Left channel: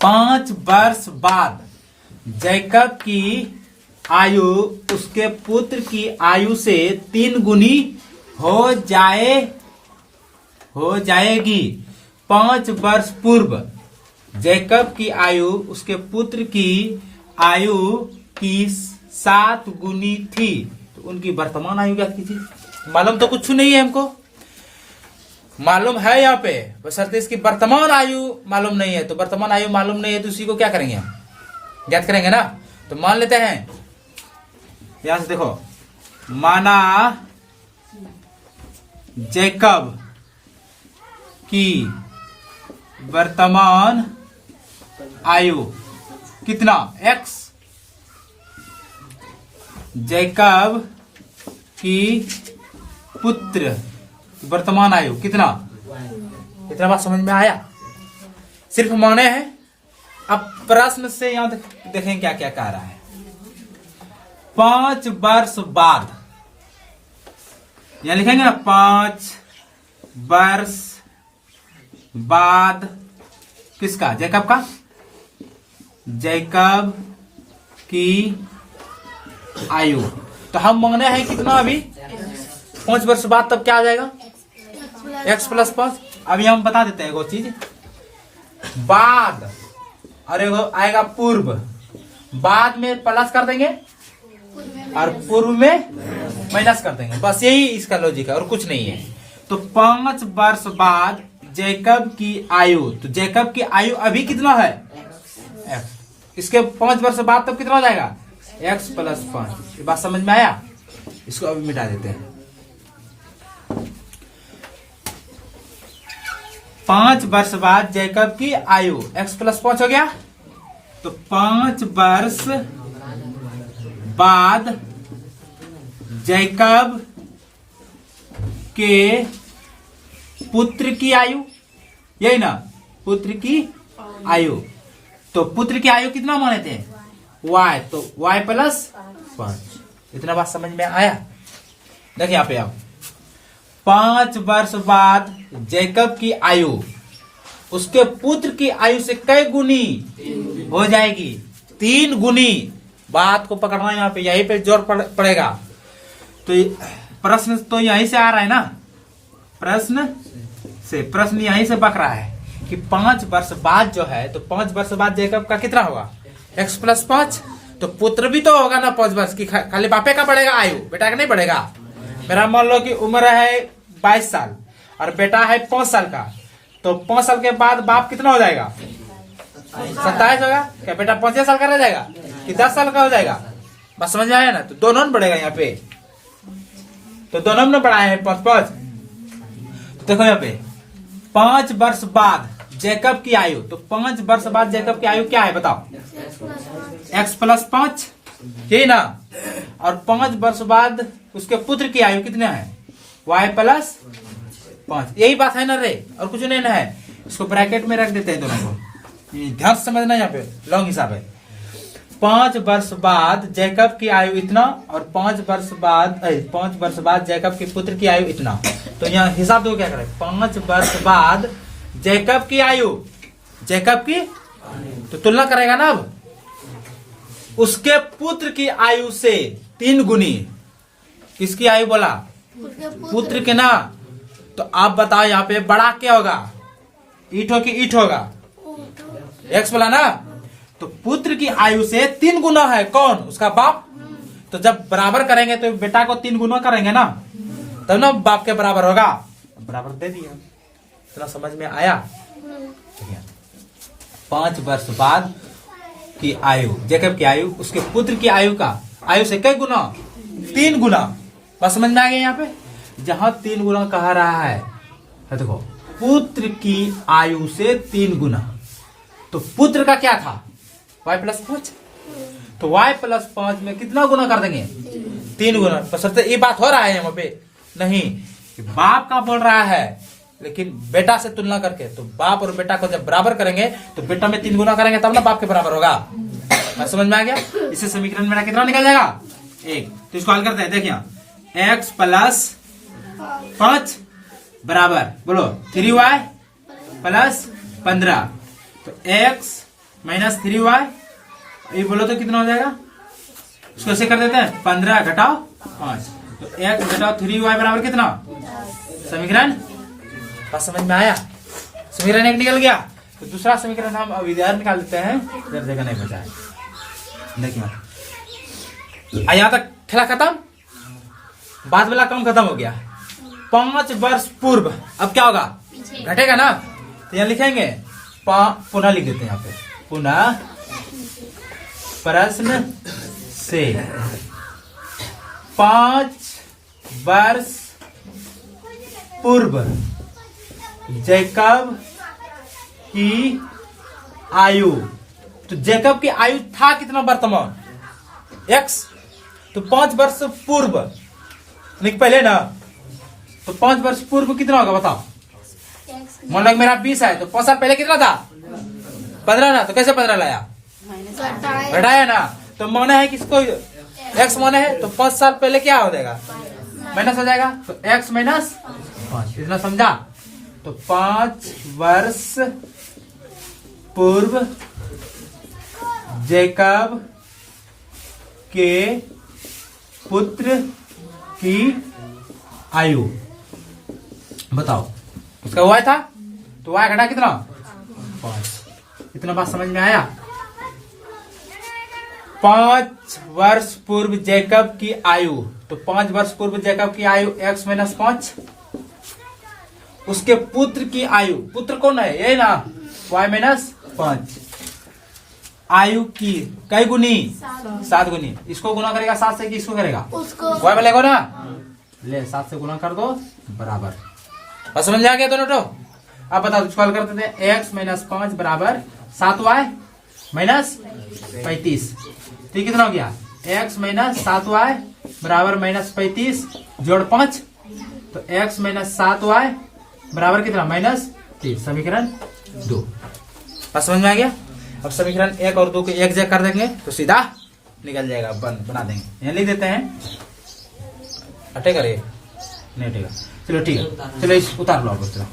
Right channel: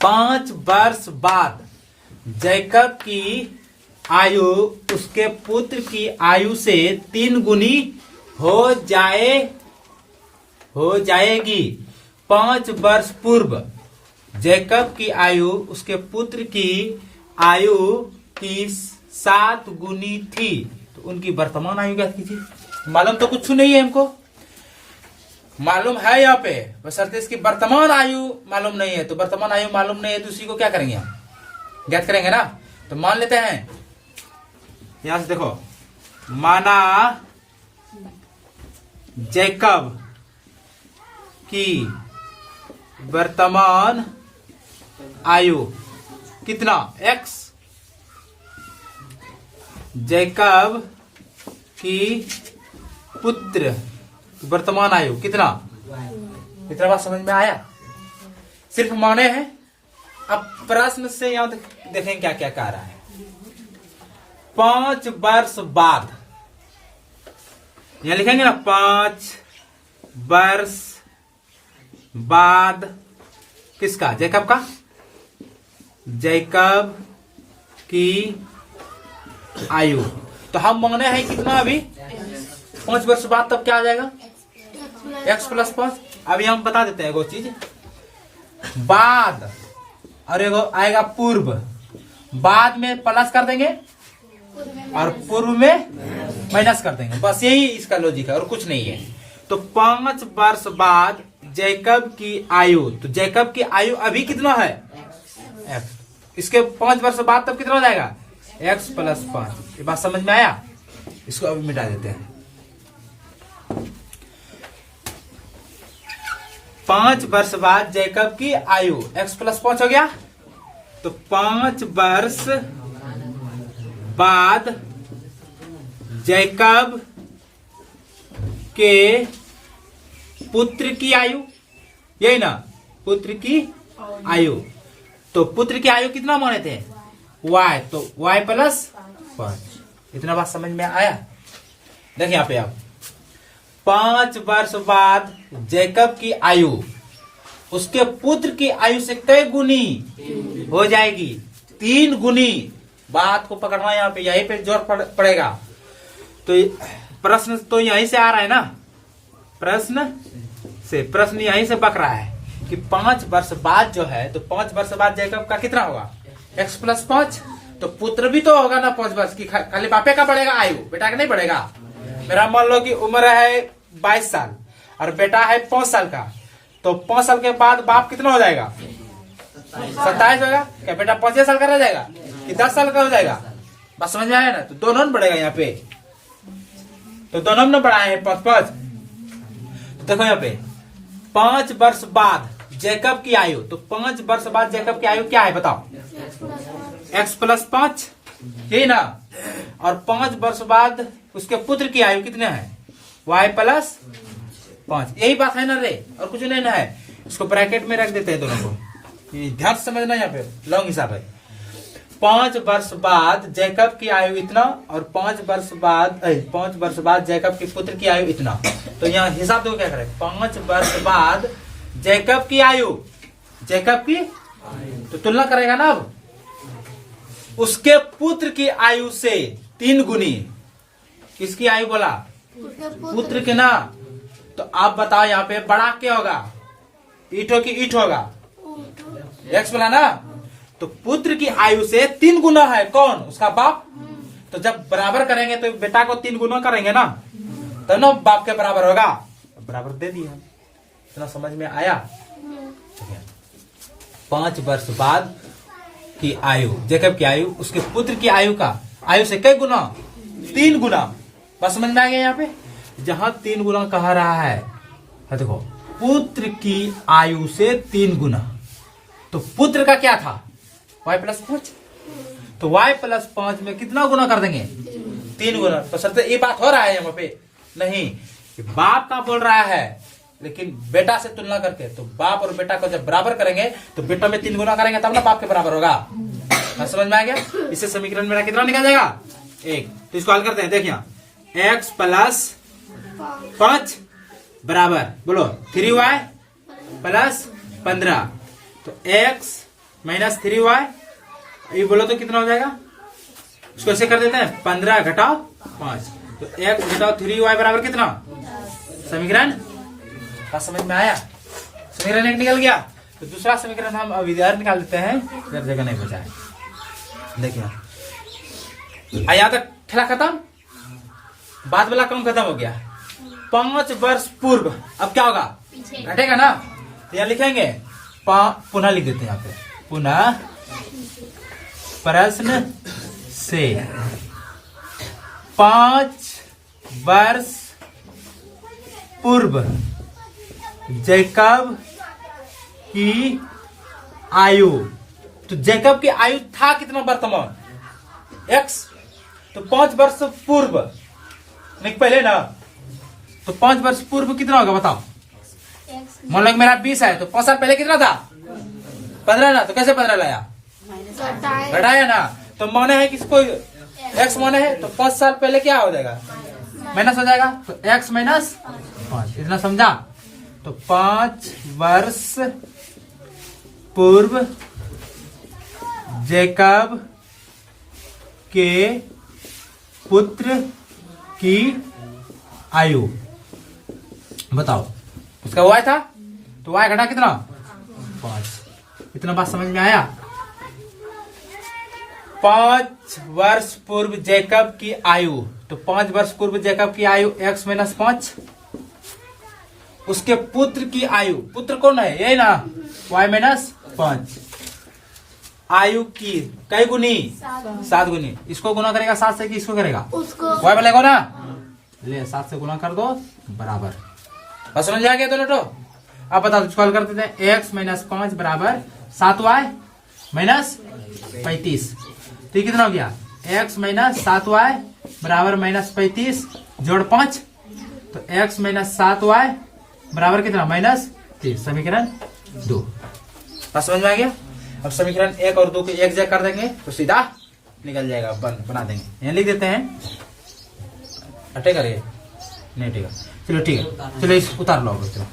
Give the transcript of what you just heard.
5 वर्ष बाद जैकब की आयु उसके पुत्र की आयु से 3 गुनी हो जाएगी। 5 वर्ष पूर्व जैकब की आयु उसके पुत्र की आयु की 7 गुनी थी। तो उनकी वर्तमान आयु क्या कीजिए? मालूम तो कुछ नहीं है हमको, मालूम है यहाँ पे बशर्ते इसकी वर्तमान आयु मालूम नहीं है। तो वर्तमान आयु मालूम नहीं है तो उसी को क्या करेंगे हम? ज्ञात करेंगे ना। तो मान लेते हैं, यहां से देखो, माना जैकब की वर्तमान आयु कितना? x। जैकब की पुत्र वर्तमान आयु कितना? इतना बात समझ में आया? सिर्फ माने हैं। अब प्रश्न से यहां देखें क्या क्या कह रहा है। 5 वर्ष बाद, यहां लिखेंगे ना 5 वर्ष बाद किसका? जैकब का। जैकब की आयु तो हम मांगने हैं कितना? अभी 5 वर्ष बाद तब क्या आ जाएगा? x plus 5। अभी हम बता देते हैं एगो चीज, बाद और एगो आएगा पूर्व। बाद में प्लस कर देंगे और पूर्व में माइनस कर देंगे, बस यही इसका लॉजिक है और कुछ नहीं है। तो 5 वर्ष बाद जैकब की आयु, तो जैकब की आयु अभी कितना है? x। इसके 5 वर्ष बाद तब कितना हो जाएगा? x plus 5। ये बात समझ में आया? इसको अभी मिटा देते हैं। 5 वर्ष बाद जैकब की आयु x प्लस 5 हो गया। तो 5 वर्ष बाद जैकब के पुत्र की आयु, यही ना, पुत्र की आयु। तो पुत्र की आयु कितना माने थे? y। तो y प्लस 5। इतना बात समझ में आया? देखिए यहां पे आप 5 वर्ष बाद जैकब की आयु उसके पुत्र की आयु से कई गुनी हो जाएगी? 3 गुनी। बात को पकड़ना यहाँ पे, यहीं पे जोर पड़ेगा। तो प्रश्न तो यहीं से आ रहा है ना, प्रश्न यहीं से पक रहा है कि 5 वर्ष बाद जो है, तो 5 वर्ष बाद जैकब का कितना होगा? x plus 5। तो पुत्र भी तो होगा ना 5 वर्ष की, खाली बापे का बढ़ेगा आयु, बेटा का नहीं बढ़ेगा। मेरा मान लो कि उम्र है 22 साल और बेटा है 5 साल का, तो 5 साल के बाद बाप कितना हो जाएगा? 27 होगा। क्या बेटा 5 साल का रह जाएगा कि 10 साल का हो जाएगा? बात समझ में आया ना? तो दोनों में बढ़ेगा यहाँ पे, तो दोनों में बढ़ाए हैं 5-5। तो देखो यहाँ पे 5 वर्ष बाद जैकब की आयु, तो 5 वर्ष बाद जैकब की आयु क्या है बताओ? x प्लस 5, यही ना। और 5 वर्ष बाद उसके पुत्र की आयु कितने है? y plus 5। यही बात है ना रे, और कुछ नहीं ना है। इसको ब्रैकेट में रख देते हैं दोनों को, ध्यान से समझना। यहाँ पे लॉन्ग हिसाब है। 5 वर्ष बाद जैकब की आयु इतना और 5 वर्ष बाद जैकब के पुत्र की आयु इतना। तो यहाँ हिसाब दो क्या करें? 5 वर्ष बाद जैकब की आयु, जैकब की तो तुलना करेगा ना अब, उसके पुत्र की आयु से 3 गुनी। किसकी आयु बोला? पुत्र के ना। तो आप बताओ यहाँ पे बड़ा क्या होगा? ईट हो कि ईट होगा? x बोला ना। तो पुत्र की आयु से 3 गुना है कौन? उसका बाप। तो जब बराबर करेंगे तो बेटा को 3 गुना करेंगे ना, तब ना बाप के बराबर होगा। बराबर दे दिया। इतना समझ में आया? 5 वर्ष बाद की आयु, जैकब की आयु उसके पुत्र की आयु से कई गुना? 3 गुना। बस समझ में आ गया? यहाँ पे जहां 3 गुना कहा रहा है, देखो पुत्र की आयु से 3 गुना, तो पुत्र का क्या था? y plus 5। तो y प्लस 5 में कितना गुना कर देंगे? 3 गुना। बस ये बात हो रहा है यहाँ पे नहीं कि बाप का बोल रहा है, लेकिन बेटा से तुलना करके। तो बाप और बेटा को जब बराबर करेंगे तो बेटा में 3 गुना करेंगे तब ना बाप के बराबर होगा। समझ में आ गया? इससे समीकरण मेरा कितना निकल जाएगा? 1। तो इसको हल करते हैं। देखिए x प्लस 5 बराबर बोलो 3y प्लस 15। तो x माइनस 3y, ये बोलो तो कितना हो जाएगा, इसको ऐसे कर देते हैं 15 घटाओ 5, तो x घटाओ 3y बराबर कितना, समीकरण का समझ में आया। समीकरण एक निकल गया, तो दूसरा समीकरण हम अब इधर निकाल देते हैं, इधर जगह नहीं बचा है। देखिए यहाँ तक खेला खत्म, बाद वाला काम खत्म हो गया। 5 वर्ष पूर्व, अब क्या होगा, घटेगा ना, तो यहाँ लिखेंगे पुनः लिख देते हैं यहाँ पे, पुनः प्रश्न से 5 वर्ष पूर्व जैकब की आयु, तो जैकब की आयु था कितना वर्तमान, x, तो 5 वर्ष पूर्व पहले ना, तो 5 वर्ष पूर्व कितना होगा बताओ। मान लो मेरा 20 है, तो 5 साल पहले कितना था, 15 ना, तो कैसे 15 लाया, घटाया ना, तो माना है किसको x माना है, तो 5 साल पहले क्या हो जाएगा, माइनस हो जाएगा, तो x माइनस 5, इतना समझा। तो 5 वर्ष पूर्व जैकब के पुत्र की आयु बताओ, उसका y था, तो y घटा कितना 5, इतना बात समझ में आया। 5 वर्ष पूर्व जैकब की आयु, तो 5 वर्ष पूर्व जैकब की आयु x माइनस 5, उसके पुत्र की आयु, पुत्र कौन है यही ना, y माइनस 5, आयु की कई गुनी 7 गुनी, इसको गुना करेगा 7 से कि इसको करेगा, y बोलेगा ना, ले 7 से गुना कर दो बराबर, बस समझ आ गया दोनों। तो अब बताओ, इसको हल कर देते हैं, x माइनस 5 बराबर 7y माइनस 35, तो कितना हो गया, x माइनस 7y बराबर माइनस 35 जोड़ 5, तो x माइनस 7y बराबर कितना, माइनस 30, समीकरण 2। बस समझ में आ गया। अब समीकरण 1 और 2 को एक जगह कर देंगे तो सीधा निकल जाएगा, बना देंगे, यहाँ लिख देते हैं, हटेगा रे नहीं हटेगा, चलो ठीक है, चलो इस उतार लो अब, चलो।